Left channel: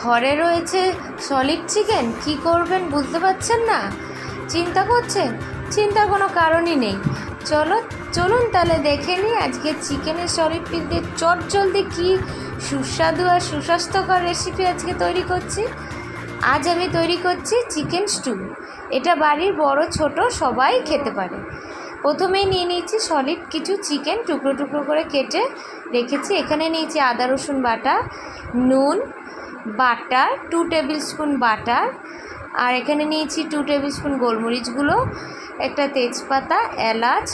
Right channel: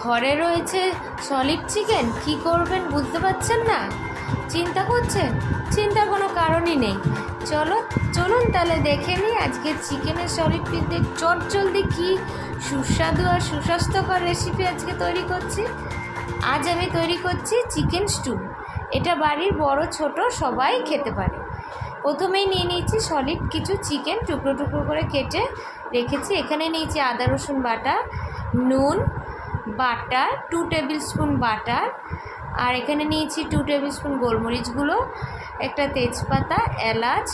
ঘরে রয়েছে solid chicken, কি করবেন বুঝতে পারছেন না? চিন্তা করছেন? চিন্তার কোনো কারণই নেই। চলুন তাহলে দেখে নিই আজকে চিকেনের সলিড পিস দিয়ে চটজলদি কী সুস্বাদু আর সুস্বাস্থ্যকর রেসিপি আজকে তৈরি করছি। আজ আমি তৈরি করছি চিকেন স্টু। এটা বাড়ির বড় ছোট সবাই খেতে পারে। প্রথমেই নিয়ে নিয়েছি সলিড কিছু চিকেন, টুকরো টুকরো করে কেটে রেখেছি। এখানে নিয়েছি আদা রসুন বাটা, নুন, বাটার 2 টেবিল স্পুন বাটার, আর এখানে নিয়েছি 2 টেবিল স্পুন গোলমরিচ গুঁড়ো, একটা তেজপাতা, এলাচ,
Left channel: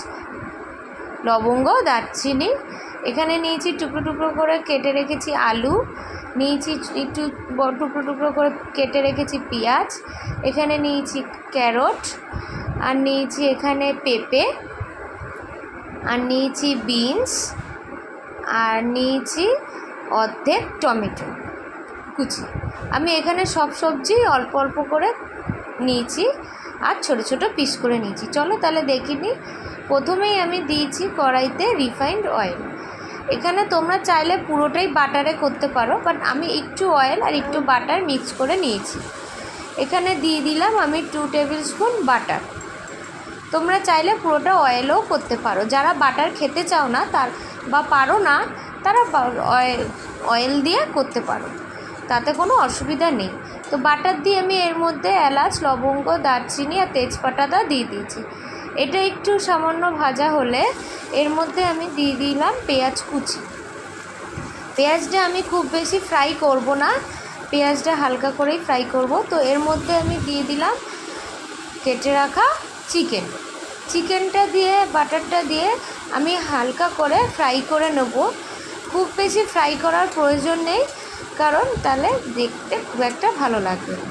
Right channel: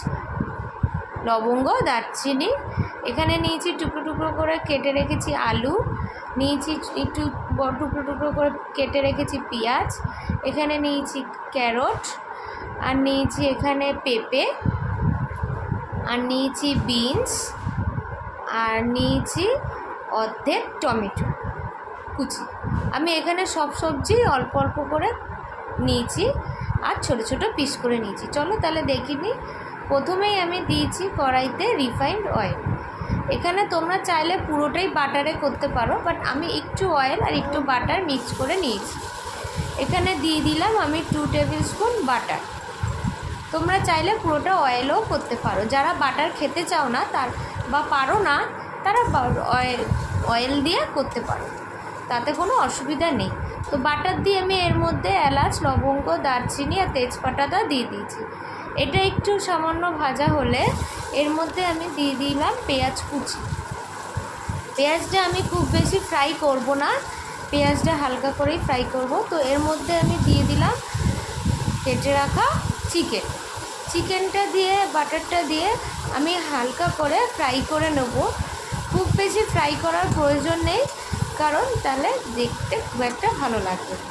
লবঙ্গ, দারচিনি। এখানে নিয়েছি টুকরো টুকরো করে কেটে রেখেছি আলু, নিয়েছি একটু টুকরো টুকরো করে কেটে রেখেছি পেঁয়াজ, এখানে নিয়েছি ক্যারট, আর নিয়েছি এখানে পেঁপে, আর নিয়েছি বিনস, আর নিয়েছি অর্ধেক টমেটো কুচি। আমি এখানে সব সবজি অল্প অল্প করে নিয়েছি আর ছোট ছোট পিস করে নিয়েছি। চলো তাহলে দেখি নিই। প্রথমেই আমি দিয়েছি কড়াইতে রিফাইন্ড অয়েল। এখানে তোমরা চাইলে পুরোটাই বাটারে করতে পারো, বাট আমি একটু অয়েল আর একটু বাটার মিক্স করে নিয়েছি। এখানে দিয়ে দিলাম আমি 2 টেবিল স্পুন বাটার। তোমরা চাইলে পুরোটা অয়েলও করতে পারো। যারা বাটার খেতে চাও না বা পারো না, তারা অয়েল দিয়ে করতে পারো, তাতে কোনো অসুবিধা নেই। তো বাটার দিয়ে আমি এর মধ্যে এলাচ, লবঙ্গ, দারচিনি আর তেজপাতাটা দিয়ে দিয়েছি। এটা একটু সামান্য ভাজা হলে এর মধ্যে আমি দিয়ে দিলাম পেঁয়াজ কুচি। পেঁয়াজটা আমি খুব বেশি ফ্রাই করব না, পেঁয়াজটা হালকা করেই ফ্রাই করব। তো এর মধ্যে আমি দিয়ে দিলাম কেটে রাখা চিকেনটা দিয়ে বাটারটা দিয়ে আমি হালকা করে ফ্রাই করে নেব। খুব বেশি ফ্রাই করার প্রয়োজন নেই, কারণ তাহলে দেখতে খুব একটা ভালো লাগবে না।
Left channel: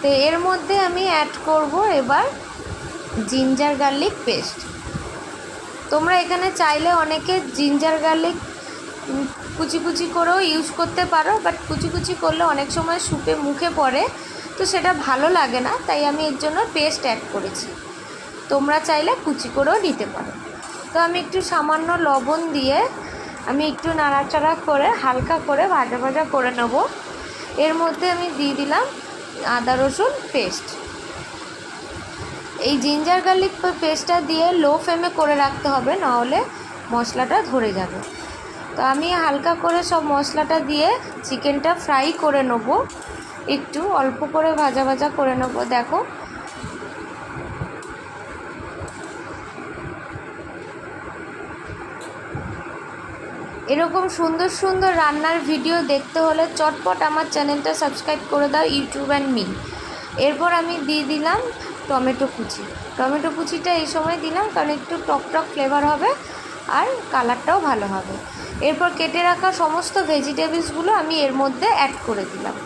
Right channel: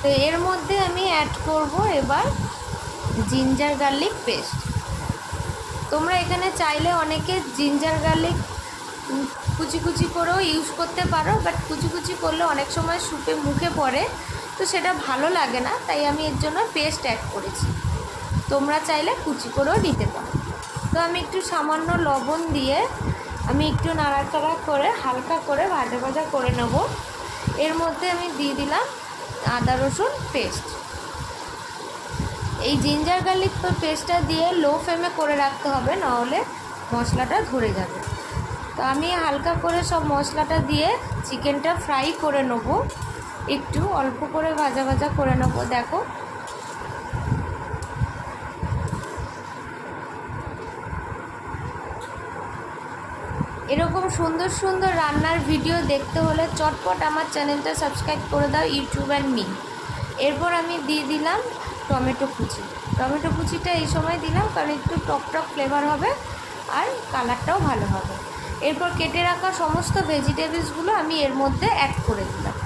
তো এর মধ্যে আমি অ্যাড করব এবার জিঞ্জার গার্লিক পেস্ট। তোমরা এখানে চাইলে অনেকে জিঞ্জার গার্লিক কুচি কুচি করেও ইউজ করতে পারো, বাট কুচি কুচি করলে অনেক সময় স্যুপে মুখে পড়ে, তো সেটা ভালো লাগে না, তাই আমি এর জন্য পেস্ট অ্যাড করেছি। তোমরা চাইলে কুচি করেও দিতে পারো। তো আমি একটু সামান্য লবণ দিয়ে আমি একটু নাড়াচাড়া করে হালকা করে ভাজা ভাজা করে নেব। এর মধ্যে আমি দিয়ে দিলাম আদা রসুন পেস্ট। এই জিঞ্জার গার্লিক পেস্টটা দিয়ে লো ফ্লেমে করে রাখতে হবে, নাহলে মশলাটা ধরে যাবে। তো আমি হালকা করে সব মশলাটা দিয়ে চিকেনটা ফ্রাই করে নেব, একটু অল্প করে ভাজা ভাজা করে নেব। দেখো এরকম সুন্দর সুন্দর রান্নার ভিডিও দেখতে হলে চটপট আমার চ্যানেলটা সাবস্ক্রাইব করে দাও, ইউটিউব অ্যান্ড মি। এরপর আমি দিয়ে দিলাম টমেটো কুচিটা এই সময় দিলাম, কারণ একটু টক টক ফ্লেভার হবে আর কালারটাও ভালো হবে। এরপর কেটে রাখা সমস্ত ভেজিটেবলসগুলো আমি এর মধ্যে অ্যাড করে দিলাম।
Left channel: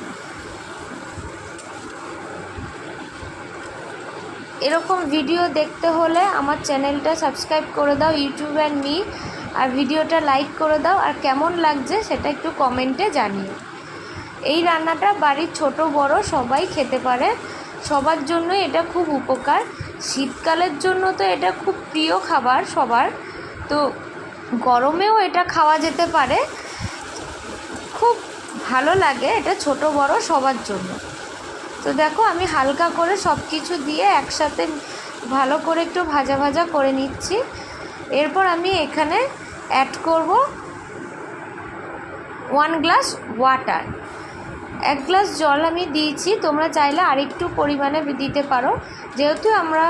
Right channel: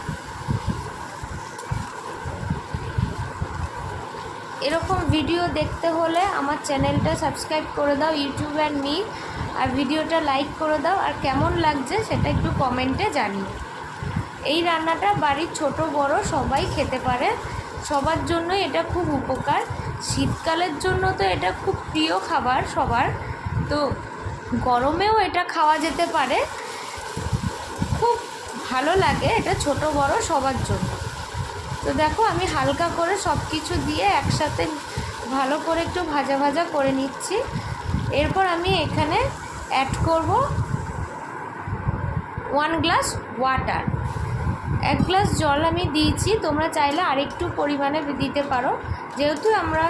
এরকম ভিডিও দেখতে হলে আমার চ্যানেলটা সাবস্ক্রাইব করে দাও, ইউটিউব অ্যান্ড মি, আর ভিডিওটা লাইক করে দাও, আর কেমন লাগছে সেটা একটু কমেন্টে জানিও। এই রান্নাটা বাড়ির ছোট বড় সবাই খেতে পারে, সবার জন্য এটা খুব উপকার। শীতকালের জন্য তো এটা খুব প্রিয় খাবার সবার, তো গরমেও এটা খাওয়া যেতে পারে, খুব ভালো লাগে এটা ছোট বড় সবার জন্য। তো দেখো আমি হালকা করে সব কিছু দিয়ে একসাথে ভালো করে একটু ভাজা ভাজা করে নিচ্ছি। এরপর আমি এখানে অ্যাড করব 1 গ্লাস ওয়াটার। 1 গ্লাস জল আমি দিয়েছি, তোমরা চাইলে আরেকটু পরিমাণে দিতে পারো। যেহেতু আমরা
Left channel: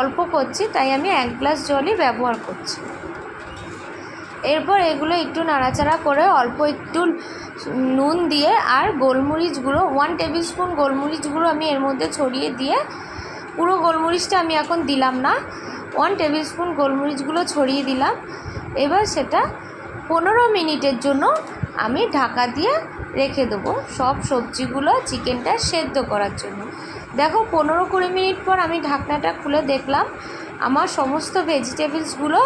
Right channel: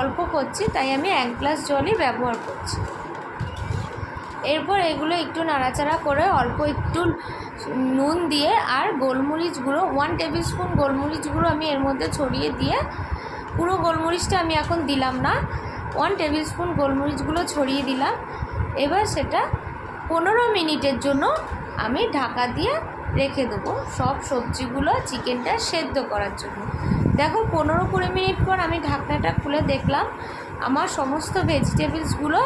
অল্প করছি তাই আমি 1 গ্লাস জলই ব্যবহার করছি। এরপর এগুলো একটু নাড়াচাড়া করে অল্প একটু নুন দিয়ে আর গোলমরিচ গুঁড়ো 1 টেবিল স্পুন গোলমরিচ গুঁড়ো আমি এর মধ্যে ছড়িয়ে দিয়ে, পুরো গোলমরিচটা আমি এখন দিলাম না, 1 টেবিল স্পুন গোলমরিচগুলো ছড়িয়ে দিলাম। এবার সেটা 15 মিনিটের জন্য আমি ঢাকা দিয়ে রেখে দেবো সব সবজিগুলো চিকেনটা সেদ্ধ করার জন্য। দেখো 15-20 মিনিট পর আমি ঢাকনাটা খুলে দেখলাম আমার সমস্ত ভেজিটেবলসগুলো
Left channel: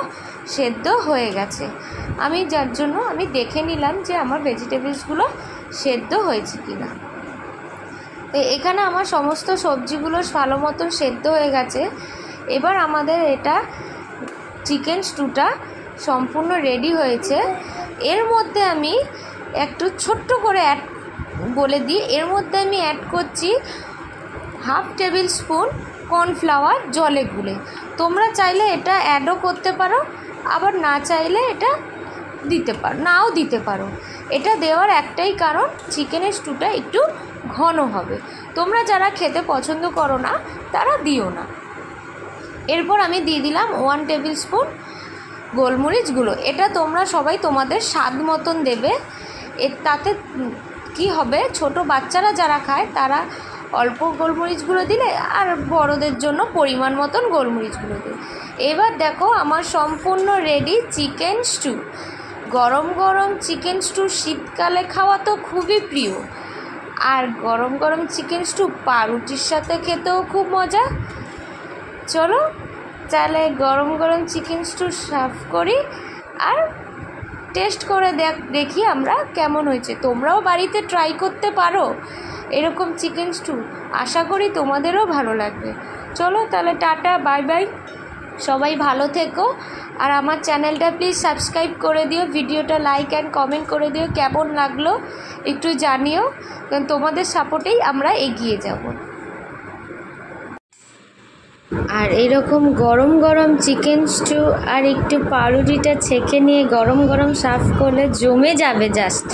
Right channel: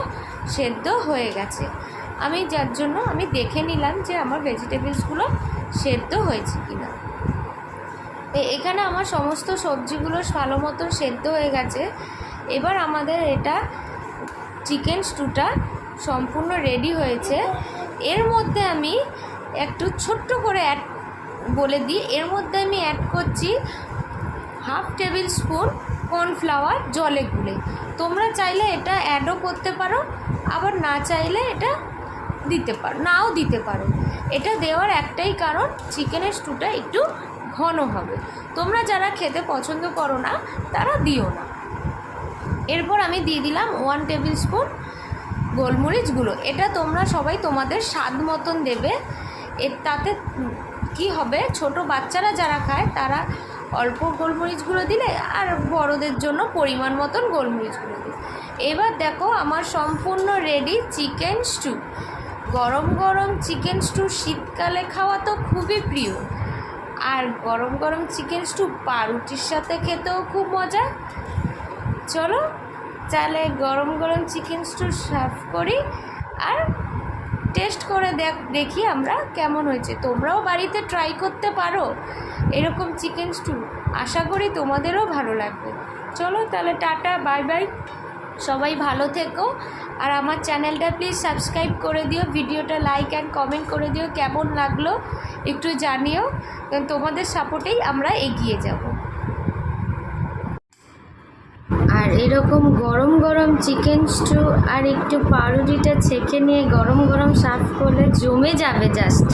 সেদ্ধ হয়ে গেছে। যার জন্য আমি দেখে নিলাম যে আমার ভেজিটেবলসগুলো সেদ্ধ হয়েছে কিনা। এখানে আমার সমস্ত সবজিগুলো ভালো মতন সেদ্ধ হয়ে গেছে। এবার আমাদের এটা চিকেন স্টুটা সম্পূর্ণ রেডি হয়েছে। এর মধ্যে আমি একটু ছোট্ট করে বলে দিই, এর মধ্যে আমি অ্যাড করছি 1/2 টেবিল স্পুন কর্নফ্লাওয়ার জলে গুলে। তোমরা চাইলে এটা অ্যাডও করতে পারো, আবার না চাইলে এটা নাও দিতে পারো। এটা দেওয়ার একটাই কারণ, চিকেনের স্টুটা একটু ঘন হবে। তোমরা যারা খেতে পছন্দ করো না তারা দিও না। এরপর আমি দিয়ে দিলাম 1 টেবিল স্পুন গোলমরিচ গুঁড়ো। এটা তোমরা সবাই তোমাদের স্বাদ মতন দেবে। তাতে কি হবে, ছোট বাচ্চারা যারা খায় তারা অল্প গোলমরিচ গুঁড়ো দিলে, আর বড়দের জন্য পরিমাণ মতন গোলমরিচ গুঁড়ো দিই। এবার দেখো আমার সম্পূর্ণ রেডি চিকেন স্টু। গরম গরম চিকেন স্টু শীতকালে খাওয়া তো খুবই প্রিয়, আর গরম গরম চিকেন স্টু পাউরুটির সাথে খেতেও খুব মজা। চলো তাহলে গরম গরম চিকেন স্টু সার্ভ করি আর টেস্ট করে দেখি আমরা কেমন হয়েছে। তোমরাও বাড়িতে ট্রাই করতে পারো এরকম চিকেন স্টু, আশা করি তোমাদেরও ভালো লাগবে। চলো তাহলে টাটা, বাই বাই, সবাই ভালো থেকো। আর আমার চ্যানেলটা প্লিজ সাবস্ক্রাইব করে দিও, ভিডিওটা লাইক অ্যান্ড কমেন্ট করে দিও, কেমন লাগলো একটু জানিও, কারণ তোমাদের সাপোর্টেই আমরা এগিয়ে যাব। আর এরকম গরম গরম চিকেন স্টু আর একটু পাউরুটিটা ছেঁকে নিয়ে গরম গরম সার্ভ করলে জমে যাবে জাস্ট।